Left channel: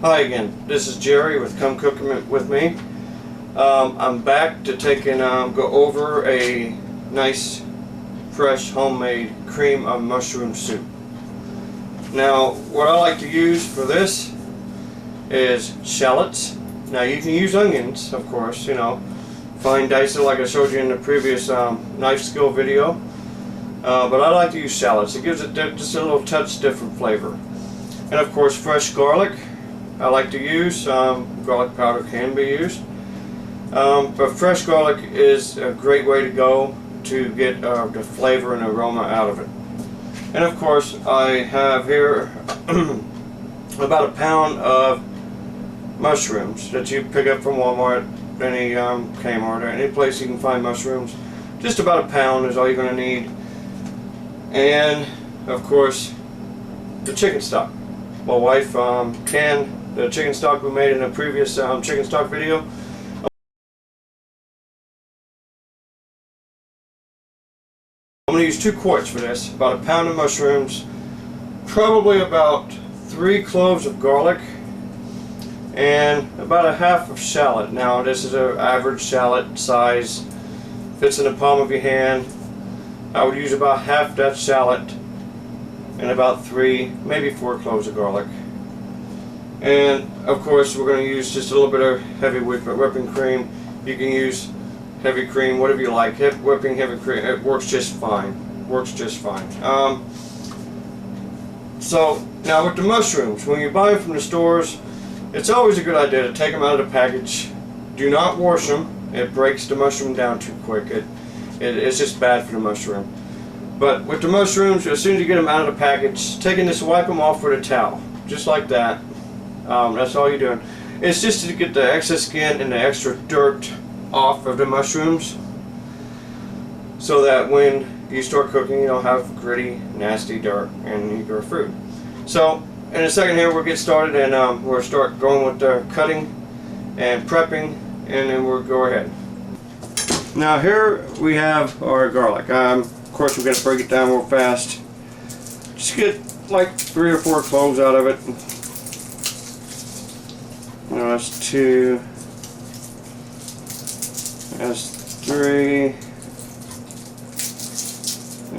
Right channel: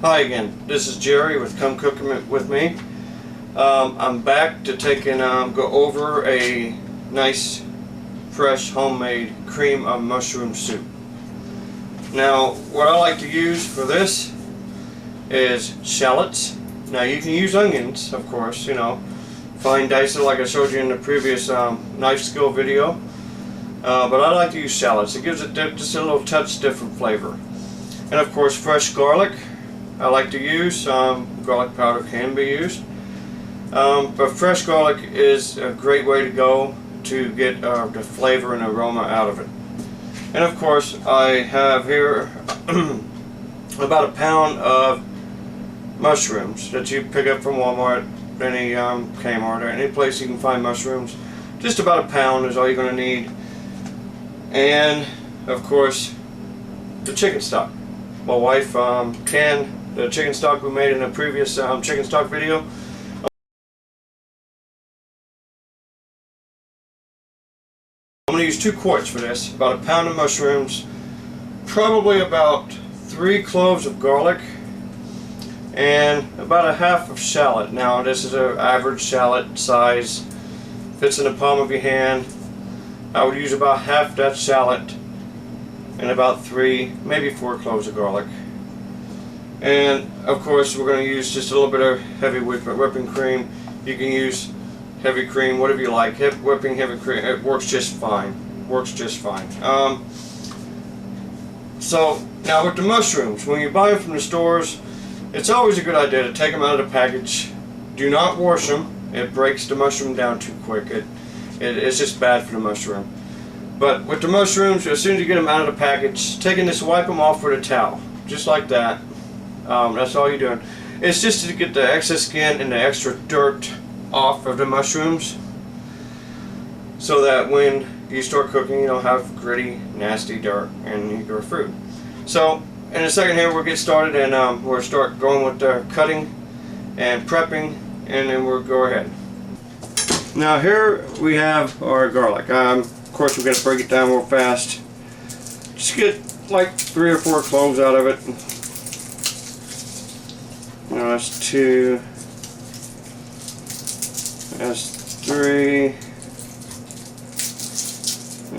Hi again, this is Jerry with Come Cook With Me. I'm back to take and go over a nice fresh homemade cream of mushroom soup. Now what I like to use for this is shallots. Now you can use onions, of course, fine dice it like I showed you in the previous knife skill video, but I like to use shallots. It gives it just a little touch different flavor. And of course fresh garlic I like to use. Garlic powder can be used, but fresh garlic is a great way to go to get the flavor and aroma out of it. And of course I have here about a pound of mushrooms that you pick up from Walmart, any Kmart, or any place you can find mushrooms. Just about a pound is all you're going to need. And of course the chicken stock. My wife canned the chicken stock we made in a previous chicken stock video. I'm going to use 2 quarts for this, about a pound of mushrooms, probably about 3 cloves of garlic, and about a half of shallot. Now this is an average shallot size, fits in the palm of your hand. I would use about half that shallot and about 3, maybe 4 cloves of garlic. And of course we're going to use just a little bit of heavy whipping cream. You can use heavy cream, whatever you like. Heavy cream, it works just fine. So now with the mushrooms, when you buy them from the stores, it's always a good idea to take them out of the package. Do not wash them. It breaks the mushroom down too quick. It's just bad for the mushroom. But with the mushrooms, as soon as you get them out of the package, take and just wipe them off with a towel, just like that. That's all you're doing. It's just to get the excess skin and the extra dirt off of the mushrooms, so that when you start cooking you don't have gritty, nasty dirt in your food. So in a second here we'll get started, and we'll start going with the cutting and prepping, and then we'll go ahead. Now here we have our garlic. Of course we're going to break it down real fast. Just get like 3 or 4 cloves out of it. That's 2. That's 3.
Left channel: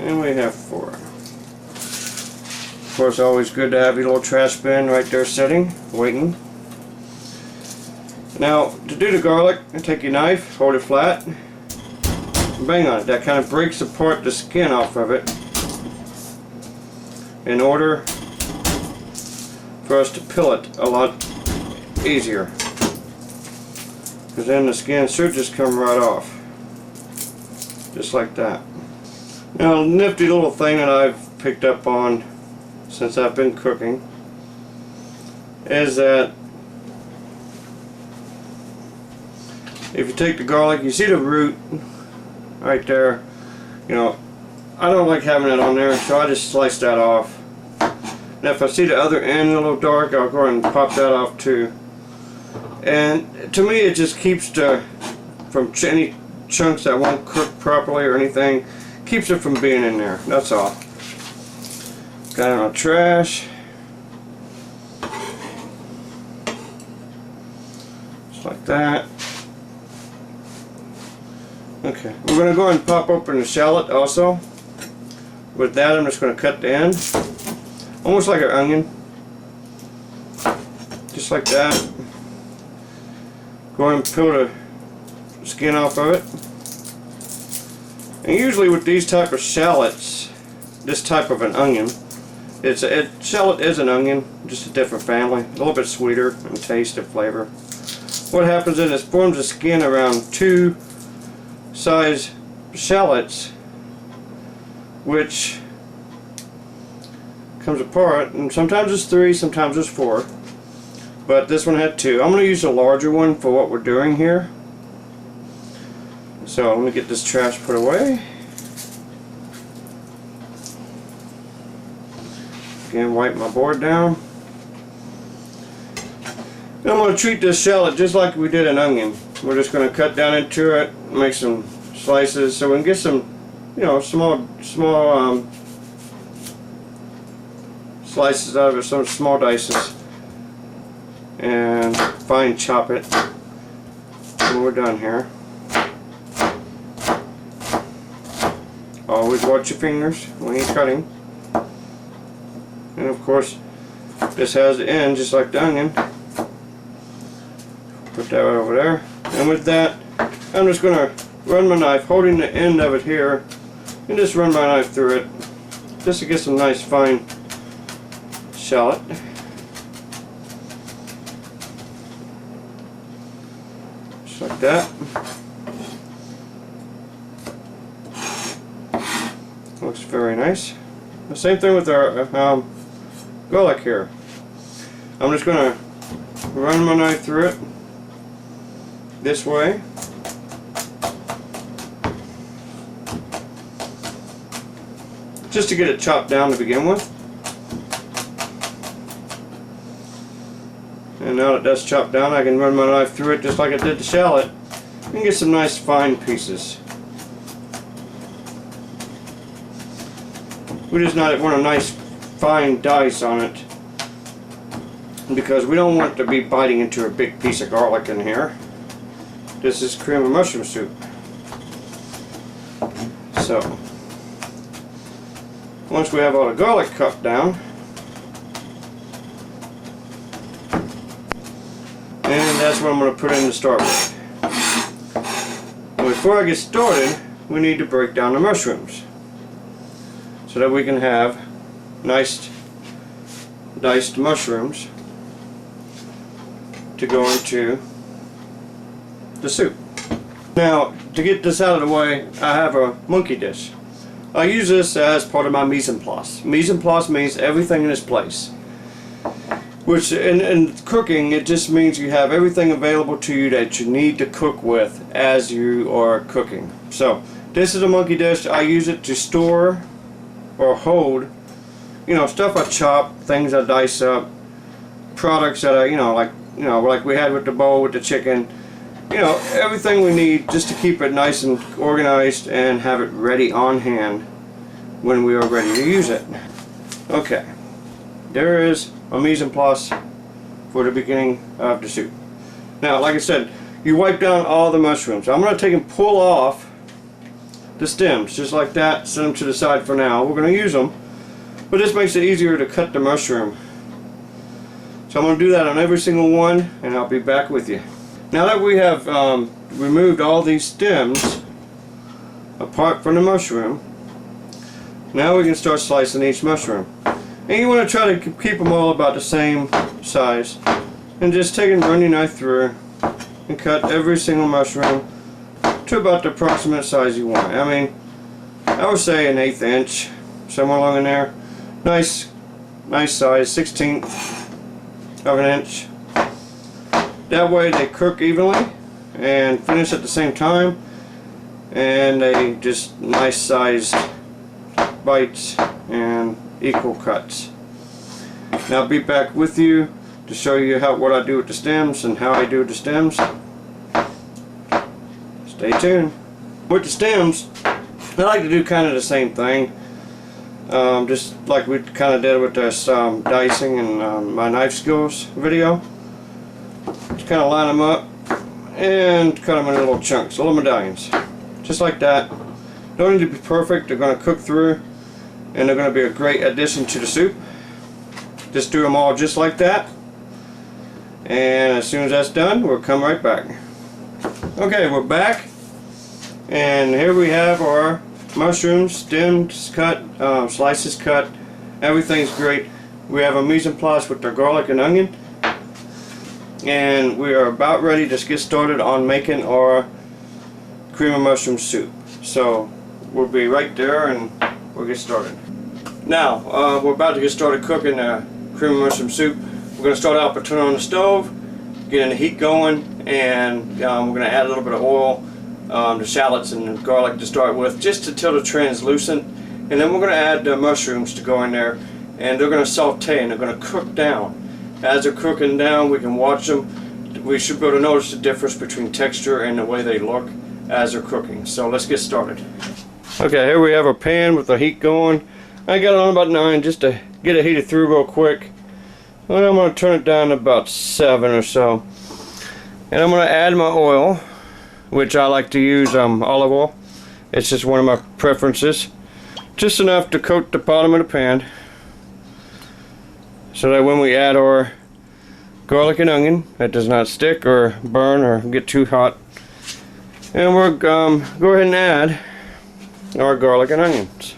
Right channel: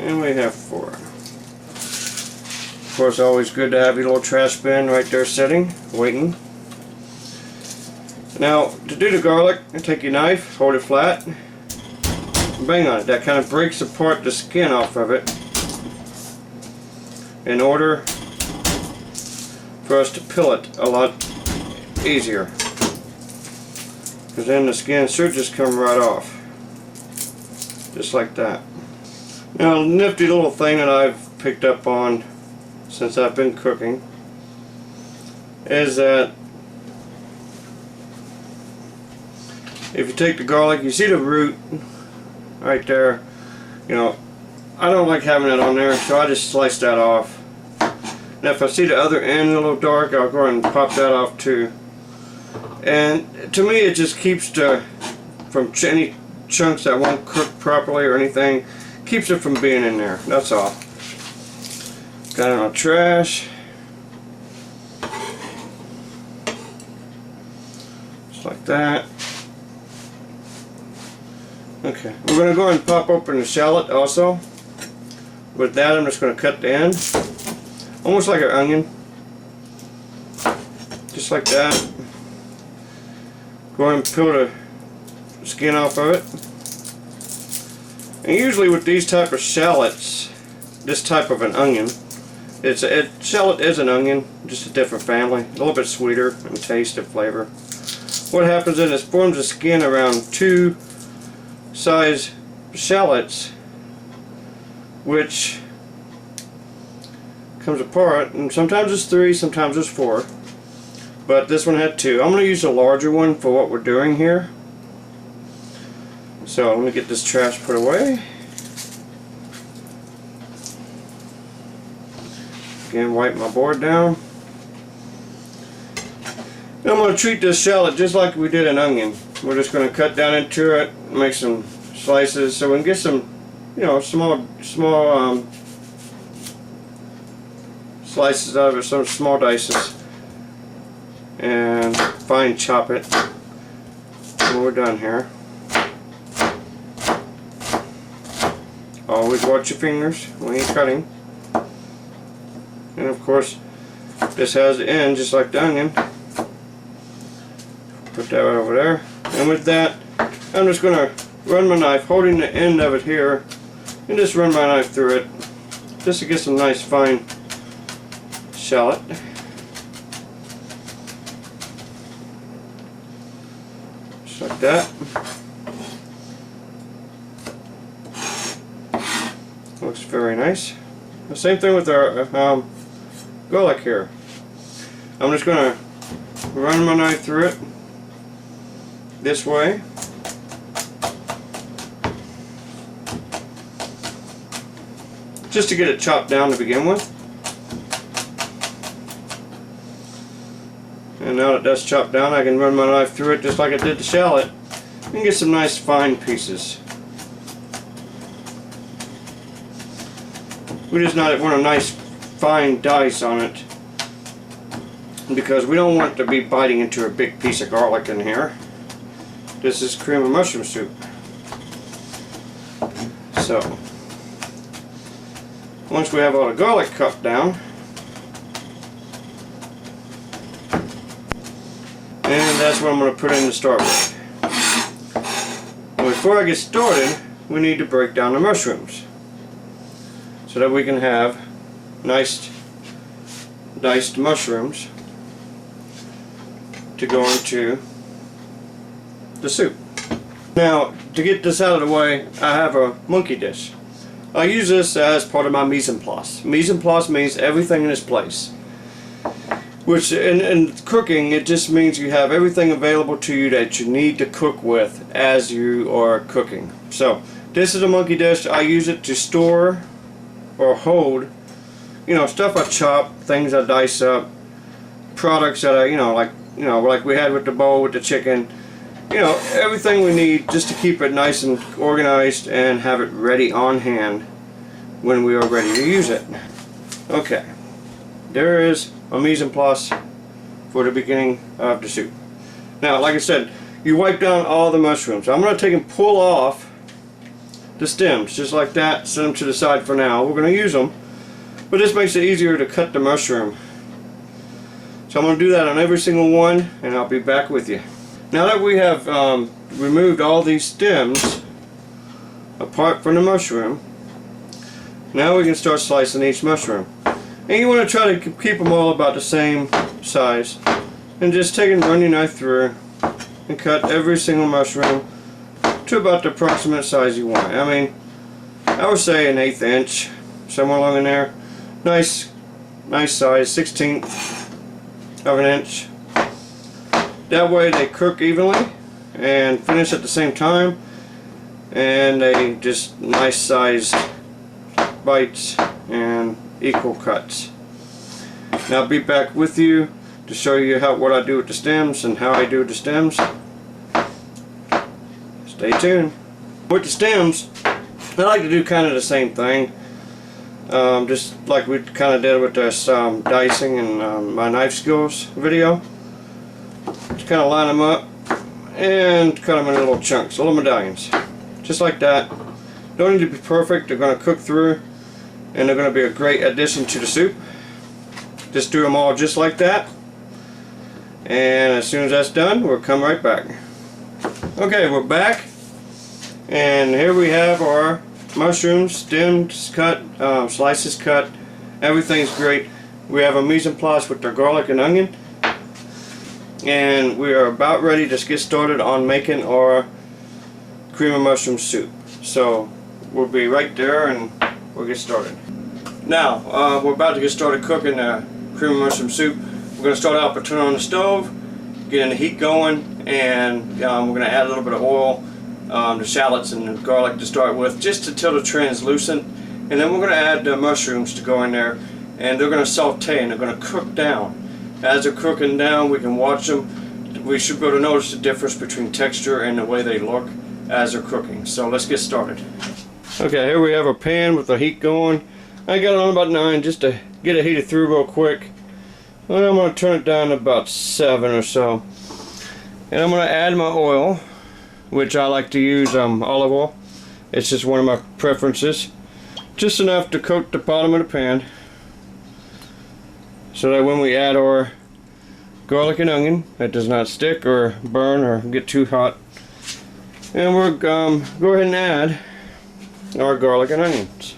And we have 4. Of course, always good to have your little trash bin right there sitting, waiting. Now, to do the garlic, take your knife, hold it flat, and bang on it. That kind of breaks apart the skin off of it in order for us to peel it a lot easier, because then the skin should just come right off, just like that. Now, a nifty little thing that I've picked up on since I've been cooking is that if you take the garlic, you see the root right there, I don't like having it on there, so I just slice that off. And if I see the other end a little dark, I'll go ahead and pop that off too. And to me it just keeps from any chunks that won't cook properly or anything, keeps it from being in there, that's all. Got it on trash. Just like that. Okay, we're going to go ahead and pop open the shallot also. With that I'm just going to cut the end, almost like an onion. Just like that. Go ahead and peel the skin off of it. And usually with these type of shallots, this type of an onion, shallot is an onion, just a different family, a little bit sweeter in taste and flavor. What happens is it forms a skin around 2 size shallots, which comes apart, and sometimes it's 3, sometimes it's 4. But this one had 2. I'm going to use a larger one for what we're doing here. So let me get this trash put away. Again, wipe my board down. Now I'm going to treat this shallot just like we did an onion. We're just going to cut down into it, make some slices so we can get some, small slices out of it, some small dices. and fine chop it when we're done here. Always watch your fingers when you're cutting. And of course, this has the end just like the onion. Put that right over there. And with that, I'm just going to run my knife, holding the end of it here, and just run my knife through it, just to get some nice fine shallot. Just like that. Looks very nice. The same thing with our garlic here. I'm just going to run my knife through it this way. Just to get it chopped down to begin with. And now that that's chopped down, I can run my knife through it just like I did the shallot and get some nice fine pieces. We just want a nice fine dice on it, because we don't want to be biting into a big piece of garlic in here. This is cream of mushroom soup. So, once we have all the garlic cut down, and that's what I'm going to put in to start with. But before I get started, we need to break down the mushrooms, so that we can have nice diced mushrooms to go into the soup. Now, to get this out of the way, I have a monkey dish. I use this as part of my mise en place. Mise en place means everything in its place. Which, in cooking, it just means you have everything available to you that you need to cook with as you are cooking. So, this is a monkey dish. I use it to store or hold, you know, stuff I chop, things I dice up, products that I, like we had with the bowl with the chicken, everything we need just to keep it nice and organized and have it ready on hand when we are ready to use it. Okay, there is a mise en place for the beginning of the soup. Now, like I said, you wipe down all the mushrooms. I'm going to take and pull off the stems just like that, set them to the side for now. We're going to use them, but this makes it easier to cut the mushroom. So I'm going to do that on every single one, and I'll be back with you. Now that we have removed all these stems apart from the mushroom, now we can start slicing each mushroom. And you want to try to keep them all about the same size, and just take and run your knife through and cut every single mushroom to about the approximate size you want. I mean, I would say an 1/8 inch, somewhere along in there. Nice size, 1/16 of an inch. That way they cook evenly and finish at the same time, and they just nice sized bites and equal cuts. Now I'll be back with you to show you what I do with the stems and how I do the stems. Stay tuned. With the stems, I like to do kind of the same thing, just like we kind of did with this dicing and my knife skills video. Just kind of line them up and cut them into little chunks, little medallions, just like that. Don't need to be perfect. They're going to cook through, and they're going to be a great addition to the soup. Just do them all just like that, and as soon as that's done, we'll come right back. Okay, we're back, and here we have our mushrooms, stems cut, slices cut. Everything's great. We have a mise en place with the garlic and onion, and we are about ready to get started on making our cream of mushroom soup. So we'll be right there, and we'll get started. Now we're about to get started cooking the cream of mushroom soup. We're going to start out by turning on the stove, getting the heat going, and we're going to add a little bit of oil, the shallots and the garlic to start with, just until they're translucent, and then we're going to add the mushrooms to go in there, and they're going to saute and they're going to cook down. As they're cooking down, we can watch them. We should be able to notice the difference between texture and the way they look as they're cooking. So let's get started. Okay, here we have our pan with the heat going. I got it on about 9 just to get it heated through real quick. And I'm going to turn it down to about 7 or so. And I'm going to add my oil, which I like to use olive oil. It's just one of my preferences. Just enough to coat the bottom of the pan, so that when we add our garlic and onion, it does not stick or burn or get too hot. And we'll go ahead and add our garlic and onions.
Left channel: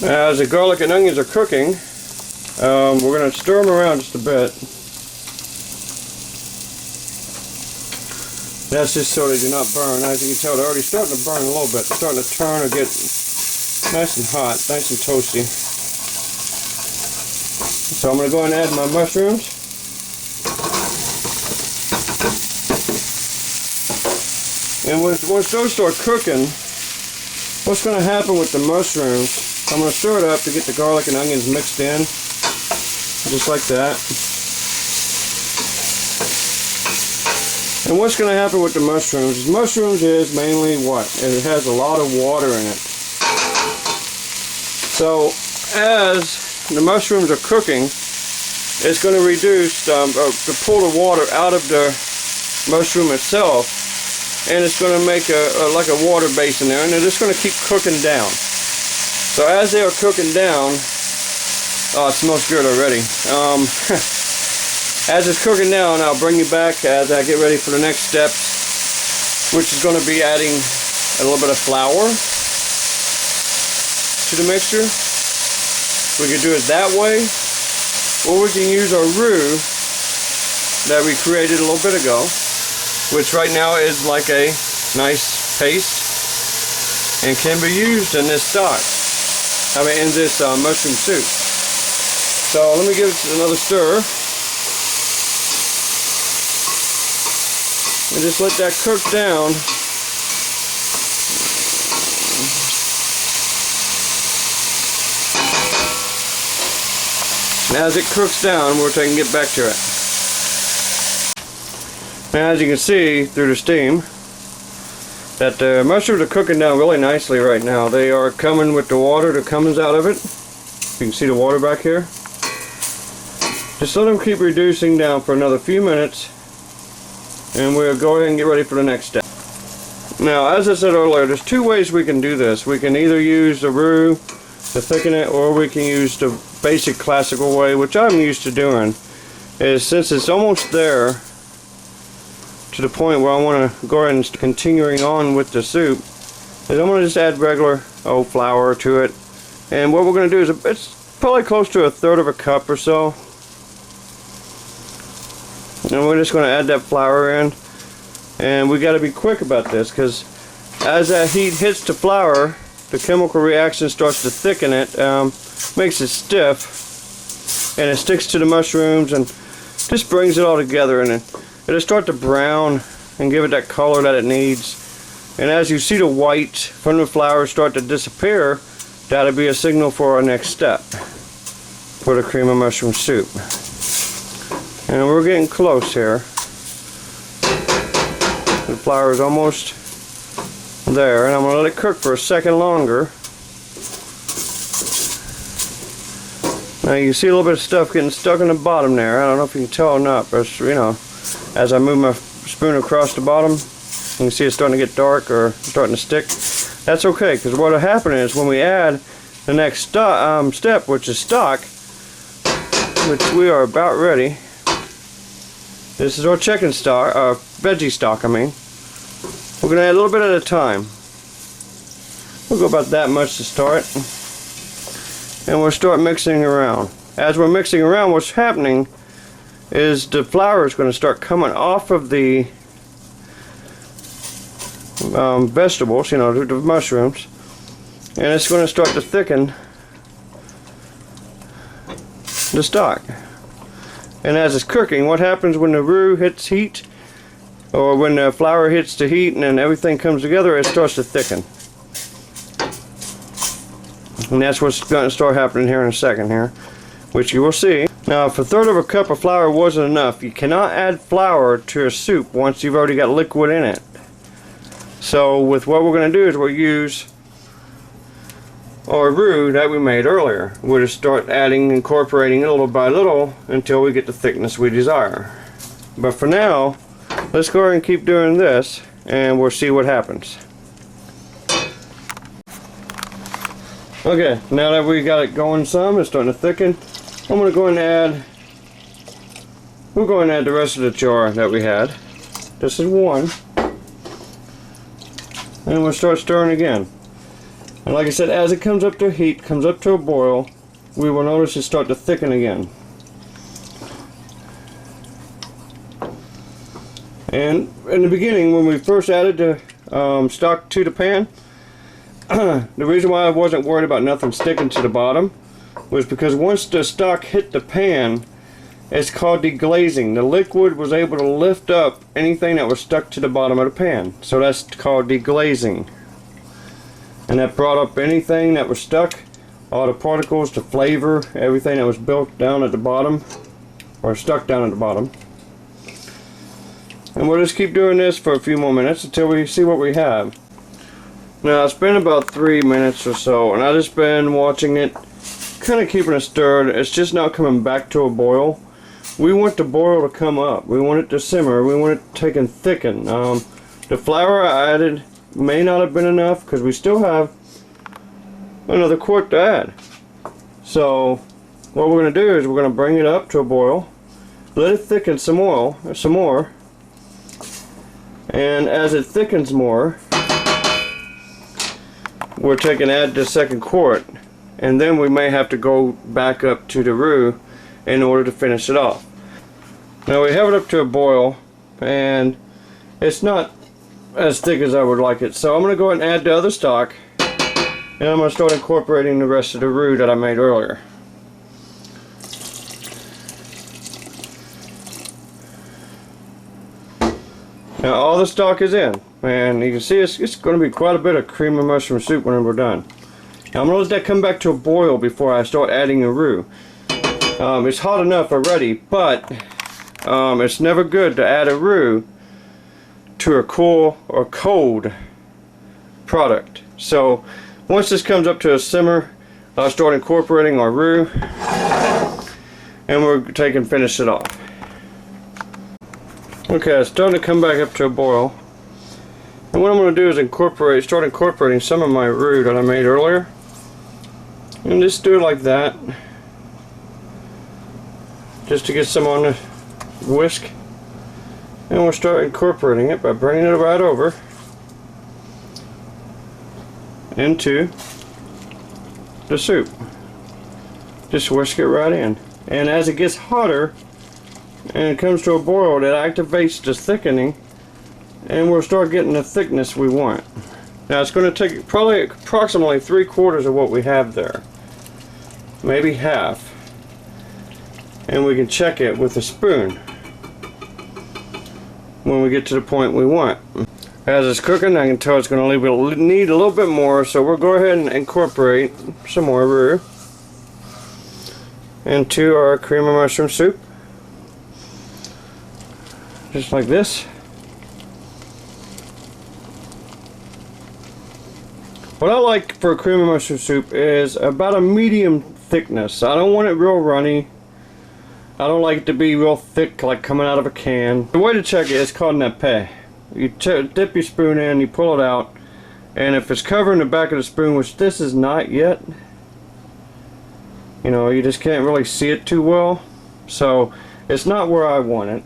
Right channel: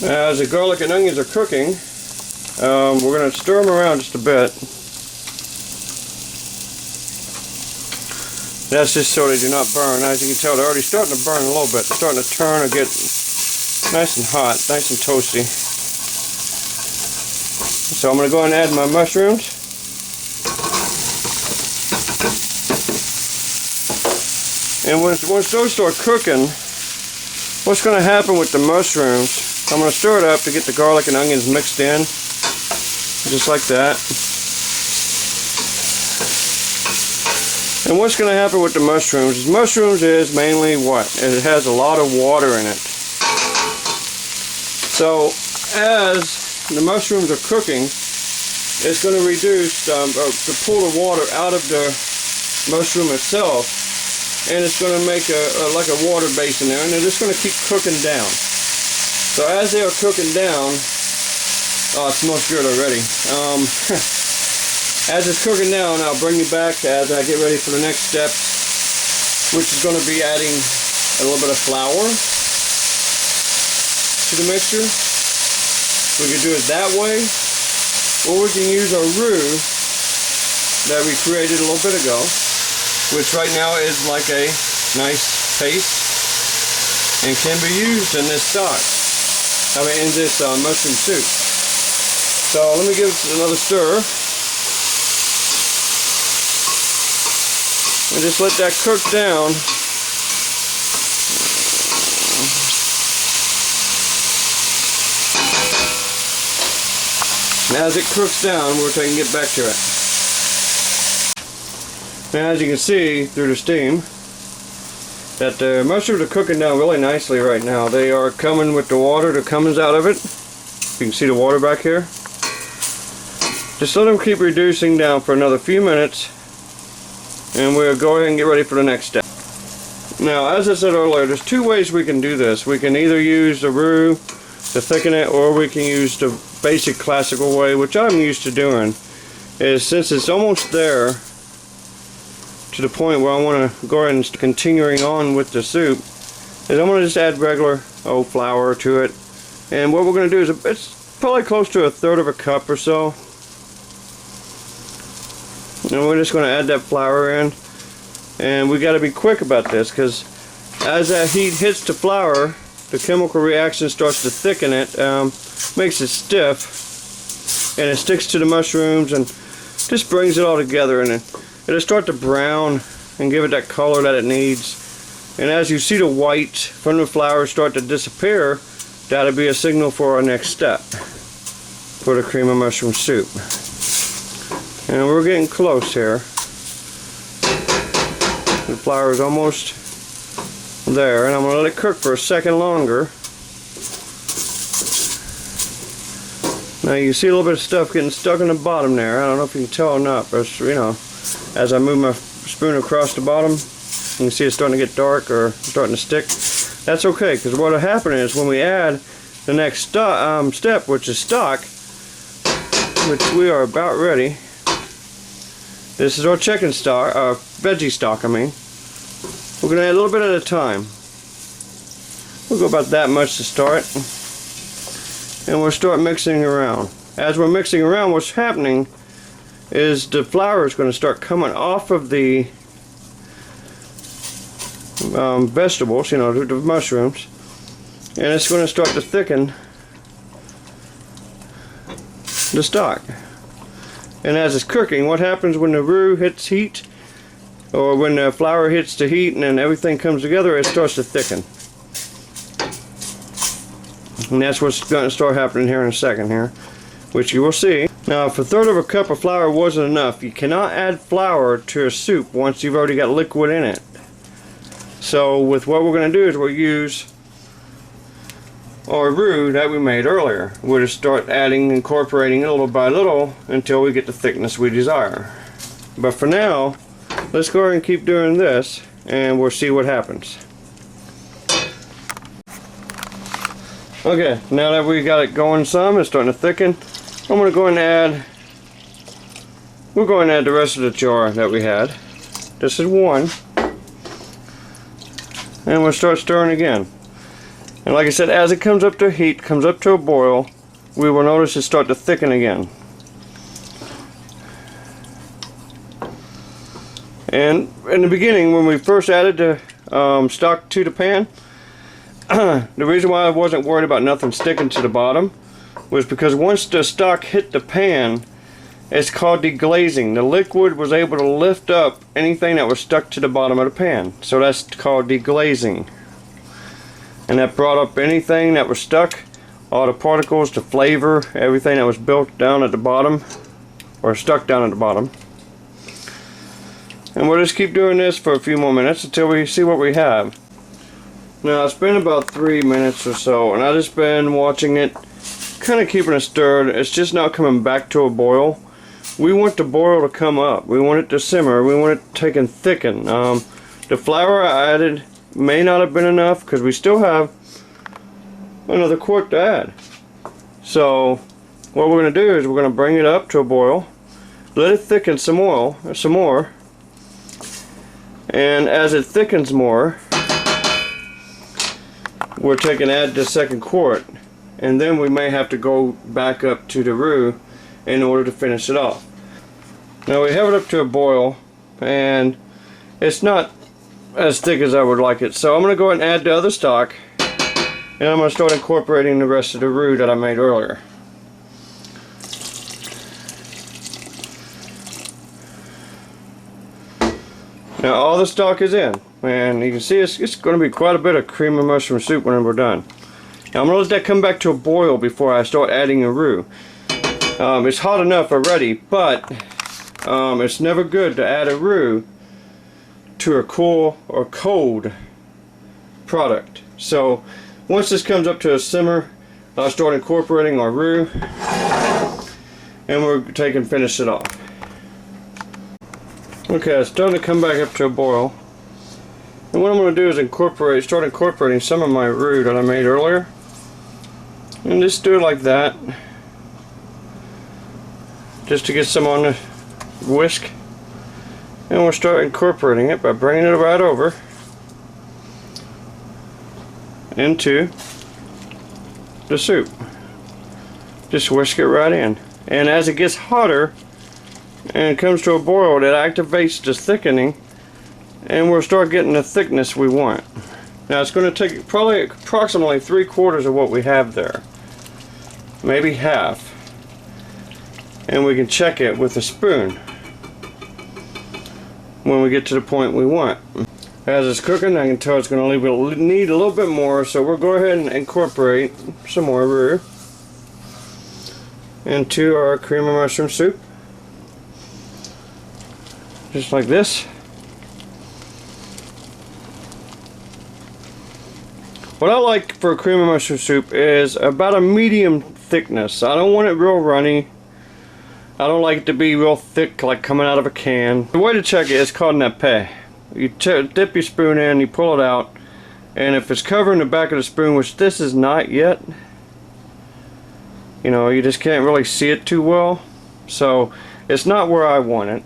Now, as the garlic and onions are cooking, we're going to stir them around just a bit. That's just so they do not burn. As you can tell, they're already starting to burn a little bit. They're starting to turn or get nice and hot, nice and toasty. So I'm going to go ahead and add my mushrooms. And once those start cooking, what's going to happen with the mushrooms, I'm going to stir it up to get the garlic and onions mixed in, just like that. And what's going to happen with the mushrooms is mainly what? It has a lot of water in it. So as the mushrooms are cooking, it's going to reduce, to pull the water out of the mushroom itself, and it's going to make like a water base in there, and they're just going to keep cooking down. So as they are cooking down, oh, it smells good already. As it's cooking down, I'll bring you back as I get ready for the next step, which is going to be adding a little bit of flour to the mixture. We can do it that way, or we can use our roux that we created a little bit ago, which right now is like a nice paste and can be used in this stock. In this mushroom soup. So let me give it another stir. And just let that cook down. Now as it cooks down, we'll take and get back to it. Now as you can see through the steam, that the mushrooms are cooking down really nicely right now. They are coming with the water that comes out of it. You can see the water back here. Just let them keep reducing down for another few minutes, and we'll go ahead and get ready for the next step. Now, as I said earlier, there's two ways we can do this. We can either use the roux to thicken it, or we can use the basic classical way, which I'm used to doing. Is since it's almost there to the point where I want to go ahead and continuing on with the soup, is I'm going to just add regular flour to it. And what we're going to do is, it's probably close to 1/3 of a cup or so. And we're just going to add that flour in. And we got to be quick about this, because as that heat hits the flour, the chemical reaction starts to thicken it, makes it stiff, and it sticks to the mushrooms and just brings it all together, and it'll start to brown and give it that color that it needs. And as you see the white from the flour start to disappear, that'll be a signal for our next step for the cream of mushroom soup. And we're getting close here. The flour is almost there, and I'm going to let it cook for a second longer. Now you see a little bit of stuff getting stuck in the bottom there. I don't know if you can tell or not, but you know, as I move my spoon across the bottom, you can see it's starting to get dark or starting to stick. That's okay, because what will happen is when we add the next step, which is stock, which we are about ready. This is our chicken stock, veggie stock, I mean. We're going to add a little bit at a time. We'll go about that much to start. And we'll start mixing around. As we're mixing around, what's happening is the flour is going to start coming off of the vegetables, you know, the mushrooms. And it's going to start to thicken the stock. And as it's cooking, what happens when the roux hits heat, or when the flour hits the heat and then everything comes together, it starts to thicken. And that's what's going to start happening here in a second here, which you will see. Now, if 1/3 of a cup of flour wasn't enough, you cannot add flour to a soup once you've already got liquid in it. So with what we're going to do is we'll use our roux that we made earlier. We'll just start adding, incorporating it little by little until we get the thickness we desire. But for now, let's go ahead and keep doing this and we'll see what happens. Okay, now that we got it going some, it's starting to thicken, I'm going to go ahead and add, we'll go ahead and add the rest of the jar that we had. This is one. And we'll start stirring again. And like I said, as it comes up to heat, comes up to a boil, we will notice it start to thicken again. And in the beginning, when we first added the stock to the pan, the reason why I wasn't worried about nothing sticking to the bottom was because once the stock hit the pan, it's called deglazing. The liquid was able to lift up anything that was stuck to the bottom of the pan. So that's called deglazing. And that brought up anything that was stuck, all the particles, the flavor, everything that was built down at the bottom, or stuck down at the bottom. And we'll just keep doing this for a few more minutes until we see what we have. Now it's been about 3 minutes or so, and I've just been watching it, kind of keeping it stirred. It's just now coming back to a boil. We want the boil to come up. We want it to simmer. We want it to take and thicken. The flour I added may not have been enough because we still have another quart to add. So what we're going to do is we're going to bring it up to a boil, let it thicken some more, and as it thickens more, we're taking add the second quart, and then we may have to go back up to the roux in order to finish it off. Now we have it up to a boil, and it's not as thick as I would like it, so I'm going to go ahead and add the other stock, and I'm going to start incorporating the rest of the roux that I made earlier. Now all the stock is in, and you can see it's going to be quite a bit of cream of mushroom soup when we're done. Now I'm going to let that come back to a boil before I start adding the roux. It's hot enough already, but it's never good to add a roux to a cool or cold product. So once this comes up to a simmer, I'll start incorporating our roux, and we're taking finish it off. Okay, it's starting to come back up to a boil, and what I'm going to do is start incorporating some of my roux that I made earlier, and just do it like that, just to get some on the whisk. And we'll start incorporating it by bringing it right over into the soup. Just whisk it right in. And as it gets hotter and it comes to a boil, it activates the thickening, and we'll start getting the thickness we want. Now it's going to take probably approximately 3/4 of what we have there. Maybe half. And we can check it with a spoon when we get to the point we want. As it's cooking, I can tell it's going to need a little bit more, so we'll go ahead and incorporate some more roux into our cream of mushroom soup, just like this. What I like for a cream of mushroom soup is about a medium thickness. I don't want it real runny. I don't like it to be real thick, like coming out of a can. The way to check it is called nappe. You dip your spoon in, you pull it out, and if it's covering the back of the spoon, which this is not yet, you know, you just can't really see it too well, so it's not where I want it.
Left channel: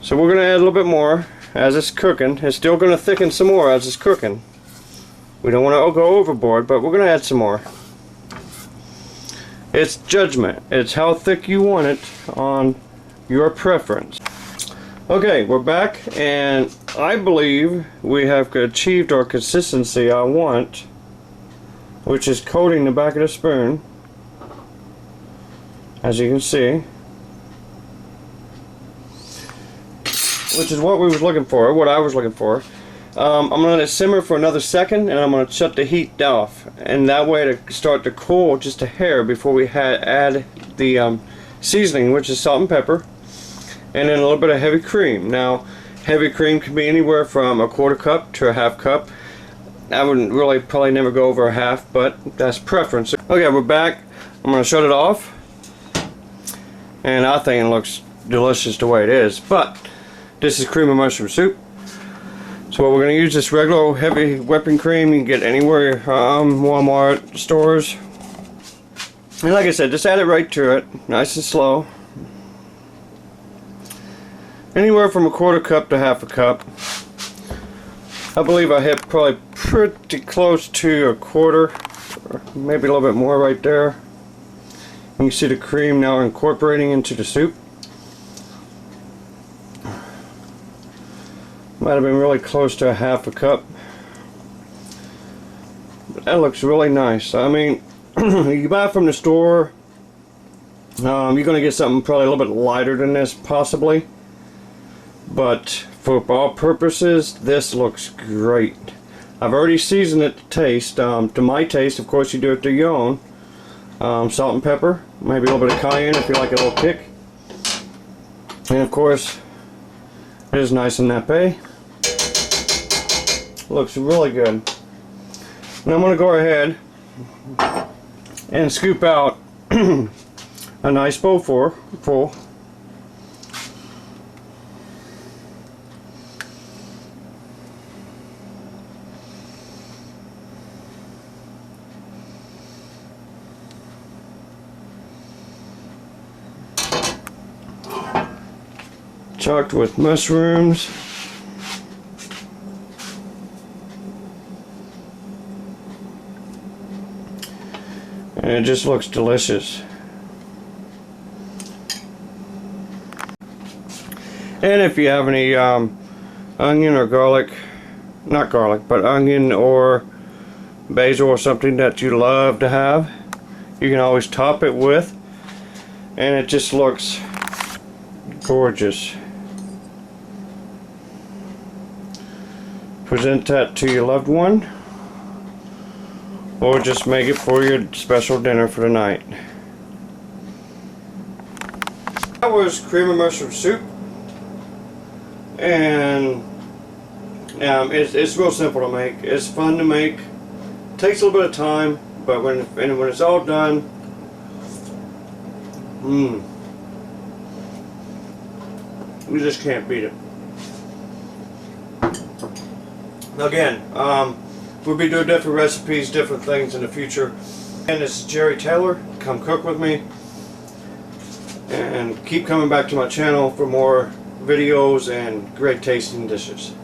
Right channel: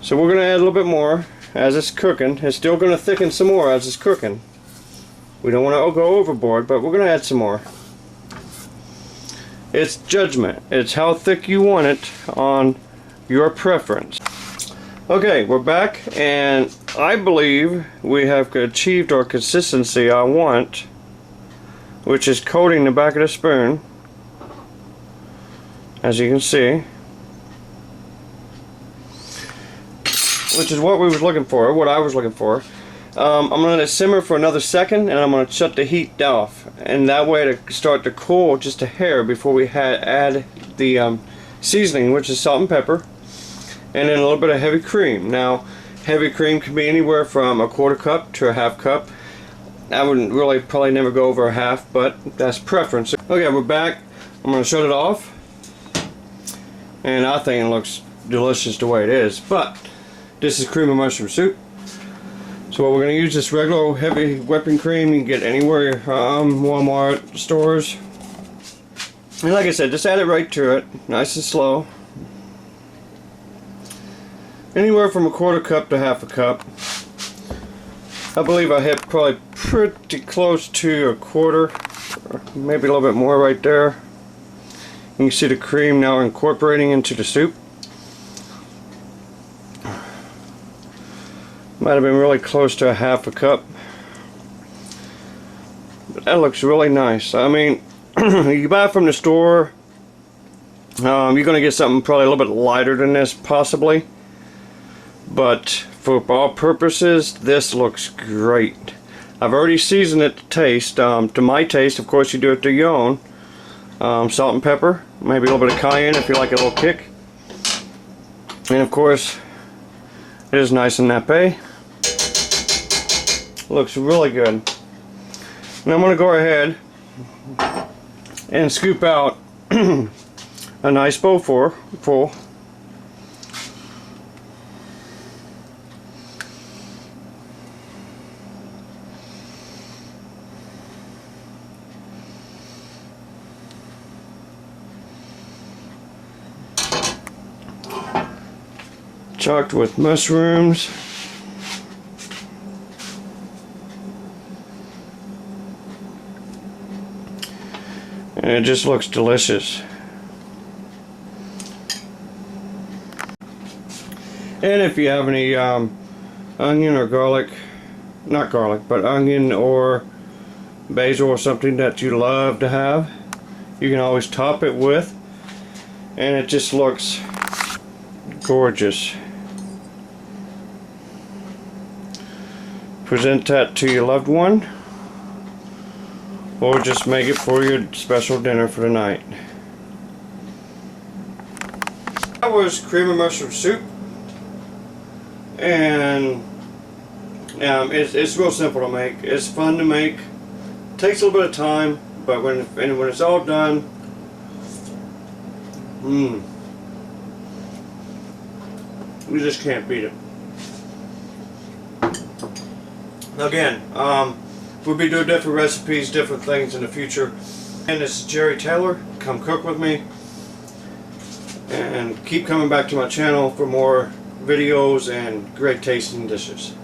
So we're going to add a little bit more as it's cooking. It's still going to thicken some more as it's cooking. We don't want to go overboard, but we're going to add some more. It's judgment. It's how thick you want it on your preference. Okay, we're back, and I believe we have achieved our consistency I want, which is coating the back of the spoon, as you can see, which is what we was looking for, what I was looking for. I'm going to let it simmer for another second, and I'm going to shut the heat off, and that way to start to cool just a hair before we add the seasoning, which is salt and pepper, and then a little bit of heavy cream. Now, heavy cream can be anywhere from a 1/4 cup to a 1/2 cup. I wouldn't really probably never go over a half, but that's preference. Okay, we're back. I'm going to shut it off. And I think it looks delicious the way it is. But this is cream of mushroom soup. So we're going to use this regular heavy whipping cream you can get anywhere, Walmart stores. And like I said, just add it right to it, nice and slow. Anywhere from 1/4 cup to 1/2 cup. I believe I hit probably pretty close to 1/4, or maybe a little bit more right there. You can see the cream now incorporating into the soup. Might have been really close to 1/2 cup. But that looks really nice. I mean, you buy it from the store, you're going to get something probably a little bit lighter than this, possibly. But for all purposes, this looks great. I've already seasoned it to taste. To my taste, of course, you do it to your own. Salt and pepper, maybe a little bit of cayenne if you like a little kick. And of course, it is nice and nappy. Looks really good. Now I'm going to go ahead and scoop out a nice bowl full. Chocked with mushrooms. And it just looks delicious. And if you have any onion or garlic, not garlic, but onion or basil or something that you love to have, you can always top it with, and it just looks gorgeous. Present that to your loved one, or just make it for your special dinner for the night. That was cream of mushroom soup, and it's real simple to make. It's fun to make. Takes a little bit of time, but when it's all done, you just can't beat it. Again, we'll be doing different recipes, different things in the future. And this is Jerry Taylor. Come cook with me. And keep coming back to my channel for more videos and great tasting dishes.